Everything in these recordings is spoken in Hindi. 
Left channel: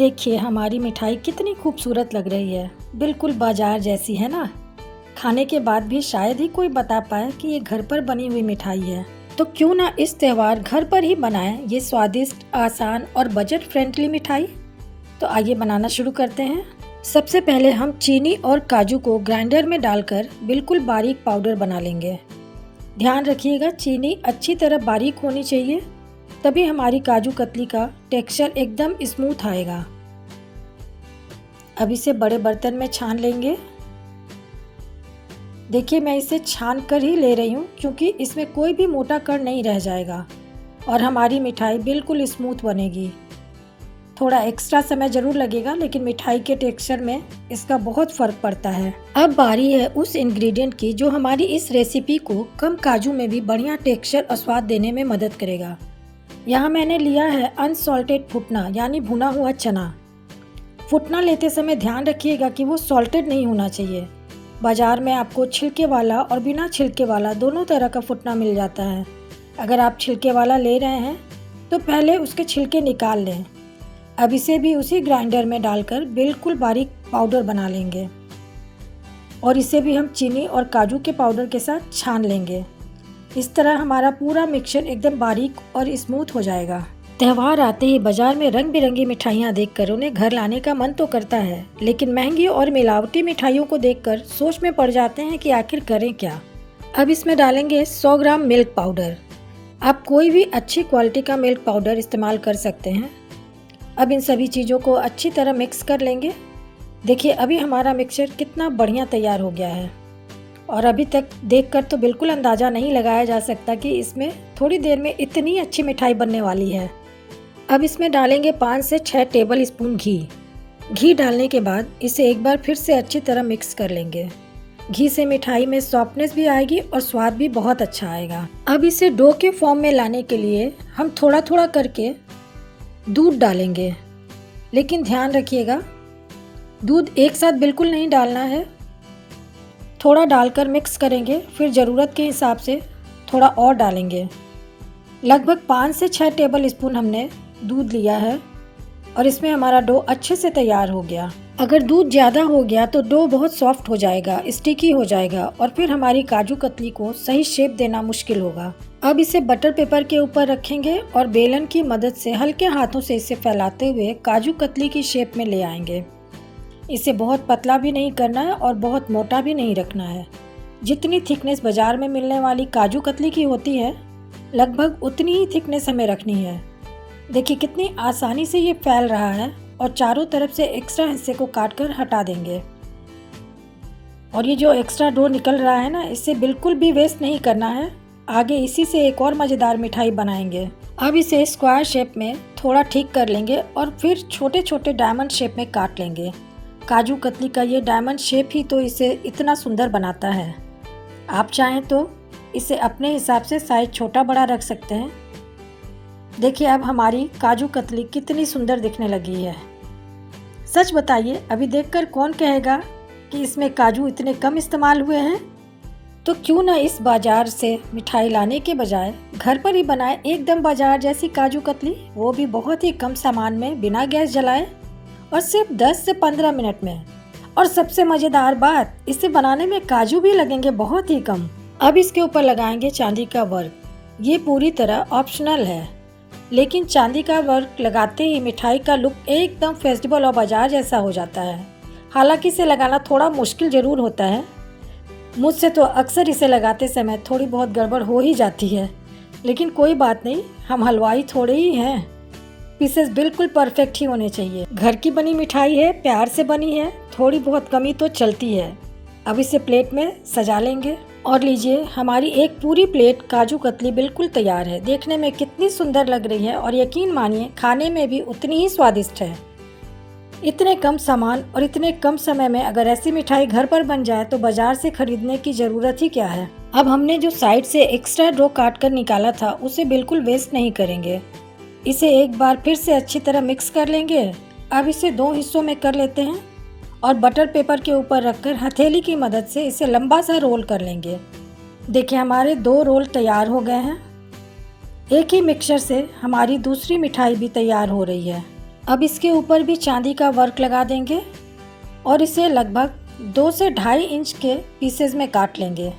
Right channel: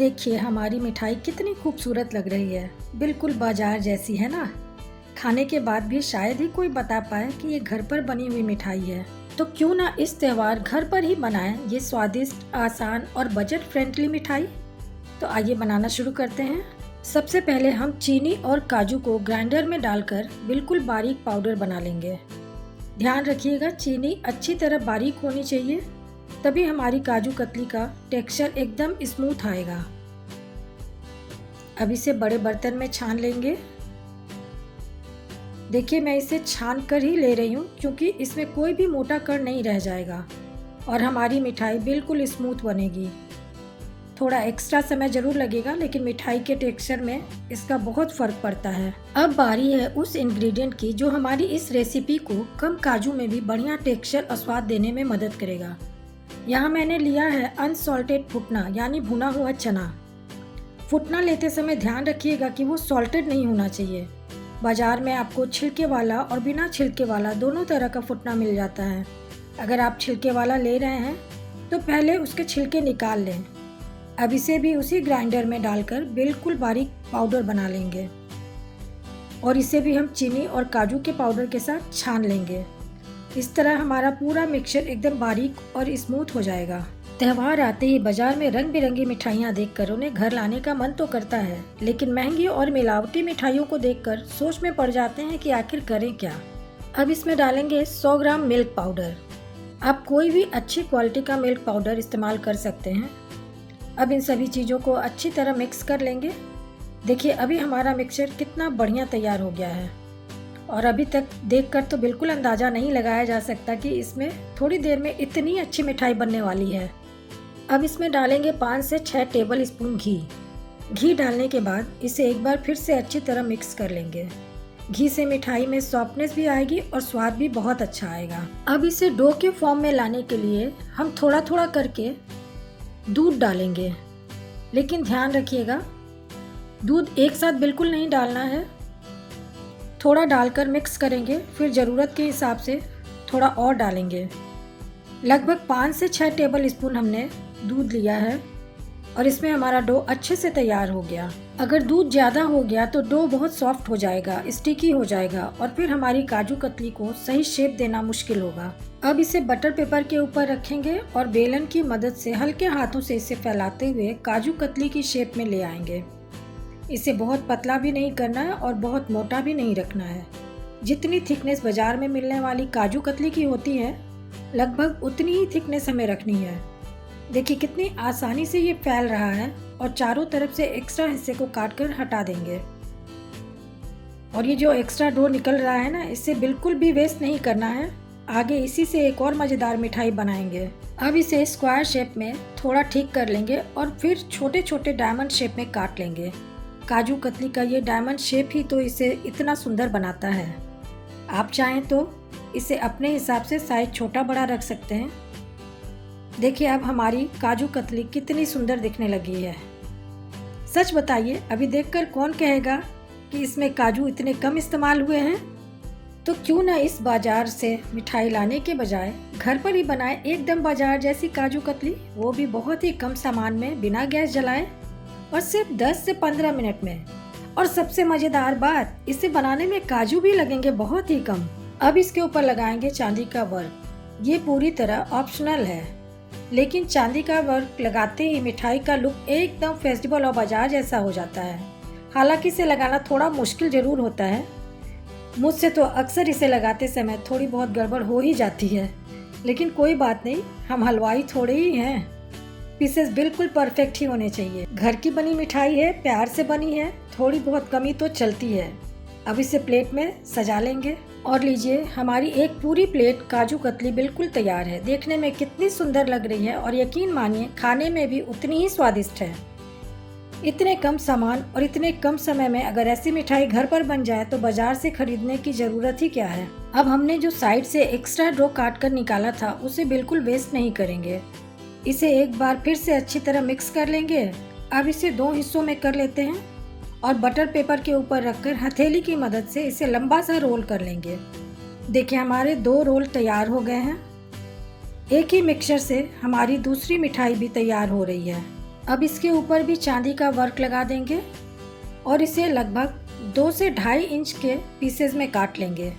देखिए हमारी मिठाई कितनी खूबसूरत लग रही है, बिल्कुल बाजार जैसी है ना। खाने के बाद भी शायद ही कोई बता पाए कि ये घर पर बनी हुई मिठाई है। तो क्यों ना इस त्योहार घर पर ही बनाएं ये स्वादिष्ट, आसान और बजट फ्रेंडली मिठाई। तो आइए बनाना शुरू करते हैं। सबसे पहले हम चीनी और काजू को ग्राइंडर में डालकर बिल्कुल बारीक पाउडर बना लेंगे। ध्यान रखिएगा चीनी अच्छी तरह बारीक होनी चाहिए, तभी हमारी काजू कतली का टेक्सचर एकदम स्मूथ आएगा। अब इसे बड़े बर्तन में छान लेंगे। देखिए मैं इसे छान कर ही ले रही हूँ क्योंकि इसमें कोई भी मोटा कण नहीं रह जाएगा और हमारी मिठाई बिल्कुल स्मूथ बनेगी। थोड़ा एक्स्ट्रा समय जरूर लगेगा, लेकिन मिठाई के टेक्सचर में इसका बहुत फर्क पड़ता है। अब बारी है उस इंग्रेडिएंट की जो हमारी इस रेसिपी को कम काजू में भी बढ़िया टेक्सचर और स्वाद देने में मदद करेगा। यहाँ मैंने लिया है अनसॉल्टेड फुटना यानी भुना हुआ चना। फुटना लेते समय ध्यान रखिएगा कि वो सॉल्टेड नहीं होना चाहिए। बाजार में आपको छिलके वाला और बिना छिलके वाला दोनों तरह का फुटना मिल जाता है। अगर आप छिलके वाला ले रहे हैं तो पहले उसके छिलके निकाल लें। अब इसे भी उसी ग्राइंडर में डालकर बिल्कुल बारीक पाउडर बना लेंगे और इसे भी हम चीनी और काजू के पाउडर के साथ छान लेंगे। इस तरह हमारा पूरा मिक्सचर एकदम बारीक और स्मूथ हो जाएगा। त्योहार आते ही बाजार में रंग बिरंगी मिठाइयाँ देखकर उन्हें घर लाने का मन तो करता है, लेकिन महंगी और मिलावटी मिठाइयों को देखकर सोच में पड़ जाते हैं कि आखिर करें क्या। अब इसमें डालेंगे 100 ग्राम मिल्क पाउडर। आप कोई भी अच्छी क्वालिटी का मिल्क पाउडर इस्तेमाल कर सकते हैं। अब इन सभी चीज़ों को अच्छी तरह मिक्स कर लेंगे। देखिए अभी हमारा मिक्सचर कितना बढ़िया तैयार हो गया है और अभी तक देखकर तो बिल्कुल अंदाज़ा नहीं लगाया जा सकता कि इसमें थोड़ी देर में इतनी अच्छी मिठाई बनने वाली है। अब इसमें डालेंगे 5 से 6 टेबल स्पून घी। घी डालने के बाद इसे एक बार फिर से अच्छी तरह मिक्स कर लेंगे। घी से मिठाई में सॉफ्टनेस भी आएगी और स्वाद भी बहुत अच्छा आएगा। अब इसे डो के फॉर्म में लाने के लिए हम थोड़ा थोड़ा करके दूध डालेंगे, लेकिन ध्यान रखिएगा दूध एक साथ बिल्कुल नहीं डालना है। थोड़ा डालकर मिक्स करेंगे, फिर ज़रूरत के हिसाब से थोड़ा और डालेंगे। लगभग 5 से 6 टेबल स्पून हमने दूध लिया है और इसमें हमारा डो अच्छे से तैयार हो गया। अगर दूध ज़्यादा हो गया तो डो बहुत सॉफ्ट हो जाएगा, स्टिकी हो जाएगा और फिर हमारी काजू कतली को सही शेप देना मुश्किल होगा। अब इसे बटर पेपर के ऊपर रखेंगे और बेलन की मदद से हल्के हाथों से इसे फैलाते हुए काजू कतली की शेप में ले आएंगे। इसे बहुत पतला भी नहीं करना है और बहुत मोटा भी नहीं रखना है। जितनी थिकनेस बाजार में मिलने वाली काजू कतली की होती है, लगभग उतनी ही थिकनेस हमें रखनी है। देखिए कितनी आसानी से ये फैल रहा है और चारों तरफ से एक्स्ट्रा हिस्से को काटकर हटा देंगे। और ये जो एक्स्ट्रा डो निकल रहा है ना, इसे बिल्कुल भी वेस्ट नहीं करना है। आगे इसी से एक और मज़ेदार मिठाई बनाएंगे। अब इसे स्क्वायर शेप में थोड़ा ठीक कर लेंगे और फिर छोटे छोटे डायमंड शेप में काट लेंगे। काजू कतली का ये डायमंड शेप ही तो इसे इतना सुंदर बनाता है। आप चाहें तो इसे अपने हिसाब से साइज छोटा बड़ा रख सकते हैं। देखिए अब हमारी काजू कतली कितनी सुंदर दिखने लगी है। सच बताइए अभी देखकर कौन कहेगा कि इसमें काजू इतने कम इस्तेमाल हुए हैं। तो क्यों ना इस बाजार से मिठाई लाने के बजाय घर पर ही बनाए एकदम बाजार जैसी काजू कतली, वो भी बहुत ही कम सामान में, बिना गैस जलाए और सिर्फ 10 से 15 मिनट में। और सबसे मज़ेदार बात, इसे बनाने में काजू भी लगेंगे बहुत ही कम। अब इसके ऊपर लगाएंगे चांदी का वर्क। ये पूरी तरह ऑप्शनल है, लेकिन चांदी का वर्क लगाते ही मिठाई का लुक एकदम फेस्टिवल और बाजार जैसा हो जाता है। हालांकि इसे लगाना थोड़ा मुश्किल ज़रूर होता है। मुझसे तो अक्सर इसे लगाते समय थोड़ी बहुत गड़बड़ हो ही जाती है, लेकिन कोई बात नहीं, हम हलवाई थोड़े ही हैं। पीसेस बिल्कुल परफेक्ट ही होने चाहिए। घर की बनी मिठाई है, प्यार से बनी है, थोड़ी बहुत कमी तो चलती है। अब इसे प्लेट में सजा लेंगे और लीजिए हमारी एक पूरी प्लेट काजू कतली बिल्कुल तैयार है। देखने में कितनी सुंदर लग रही है और यकीन मानिए खाने में भी उतनी ही स्वादिष्ट है। इतने कम सामान और इतने कम समय में अगर ऐसी मिठाई घर पर बन जाए तो बाजार से खरीदने की ज़रूरत ही क्या है। अब हमने जो साइड से एक्स्ट्रा डो काट कर निकाला था उसे बिल्कुल वेस्ट नहीं करेंगे। इसे एक बार फिर से अच्छी तरह मिक्स कर लेंगे। अब इसे 2 हिस्सों में कर लेते हैं और बटर पेपर के ऊपर रखकर हथेली की मदद से इसे लंबा सा रोल कर लेंगे। देखिए हमारे 2 रोल तैयार हो गए हैं। एक ही मिक्सचर से हमारी दूसरी मिठाई भी तैयार हो रही है। अब इसके ऊपर भी चांदी का वर्क लगा देंगे और इसे लगभग 2 से 2.5 इंच के पीसेस में काट लेंगे।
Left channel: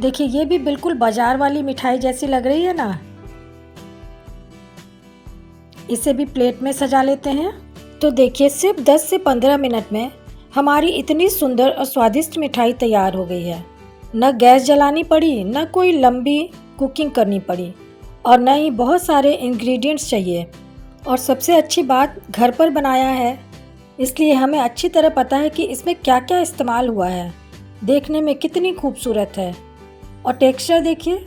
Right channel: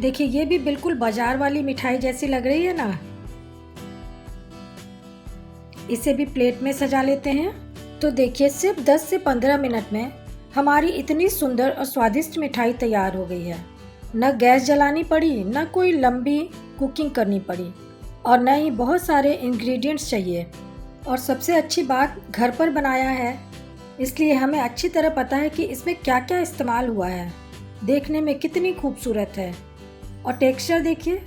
देखिए ये भी बिल्कुल बाजार वाली मिठाई जैसी लग रही है ना। इसे भी प्लेट में सजा लेते हैं। तो देखिए सिर्फ 10 से 15 मिनट में हमारी इतनी सुंदर और स्वादिष्ट मिठाई तैयार हो गई है। न गैस जलानी पड़ी, न कोई लंबी कुकिंग करनी पड़ी और न ही बहुत सारे इंग्रेडिएंट्स चाहिए। और सबसे अच्छी बात, घर पर बनाया है, इसलिए हमें अच्छी तरह पता है कि इसमें क्या क्या इस्तेमाल हुआ है। देखने में कितनी खूबसूरत है और टेक्सचर देखिए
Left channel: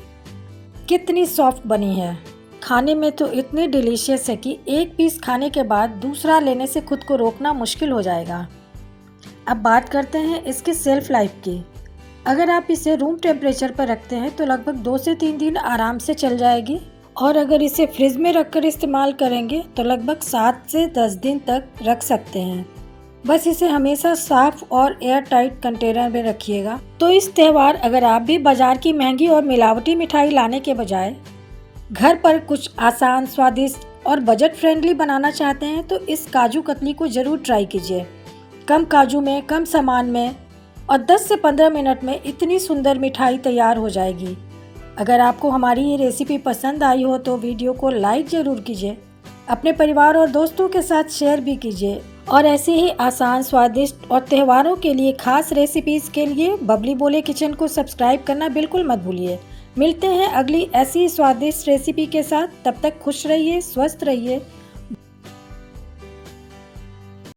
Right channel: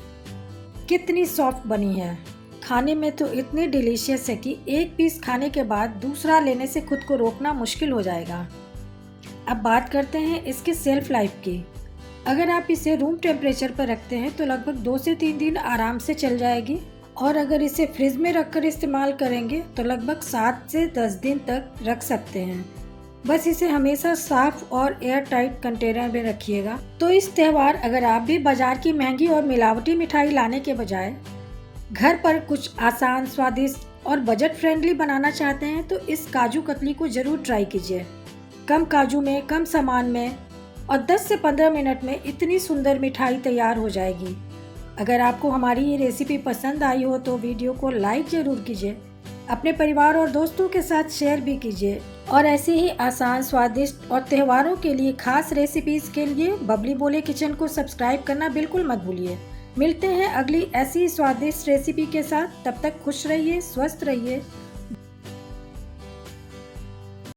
कितनी सॉफ्ट बनी है। खाने में तो इतनी डिलीशियस है कि एक पीस खाने के बाद दूसरा लेने से खुद को रोकना मुश्किल हो जाएगा। अब बात करते हैं इसकी सेल्फ लाइफ की। अगर आप इसे रूम टेम्परेचर पर रखते हैं तो लगभग 2 से 3 दिन आराम से चल जाएगी और अगर इसे फ्रिज में रखकर इस्तेमाल करेंगे तो लगभग 7 से 10 दिन तक रख सकते हैं। बस इसे हमेशा साफ और एयर टाइट कंटेनर में रखिएगा। तो इस त्यौहार अगर आप भी बाजार की महंगी और मिलावटी मिठाई लाने के बजाय घर पर कुछ आसान, स्वादिष्ट और बजट फ्रेंडली बनाना चाहते हैं तो इस काजू कतली को ज़रूर ट्राई कीजिए। कम काजू में, कम सामान में और 10 से 15 मिनट में इतनी सुंदर मिठाई तैयार हो जाएगी। अगर आपको हमारी ये रेसिपी पसंद आई हो तो वीडियो को लाइक ज़रूर कीजिए, अपने परिवार और दोस्तों के साथ शेयर भी कीजिए और ऐसे ही आसान, स्वादिष्ट और त्योहारों के लिए खास रेसिपीज़ के लिए बबली बोले किचन को सब्सक्राइब करना बिल्कुल मत भूलिए। मिलते हैं अगली ऐसी स्वादिष्ट रेसिपी के साथ। तब तक खुश रहिए, स्वस्थ रहिए।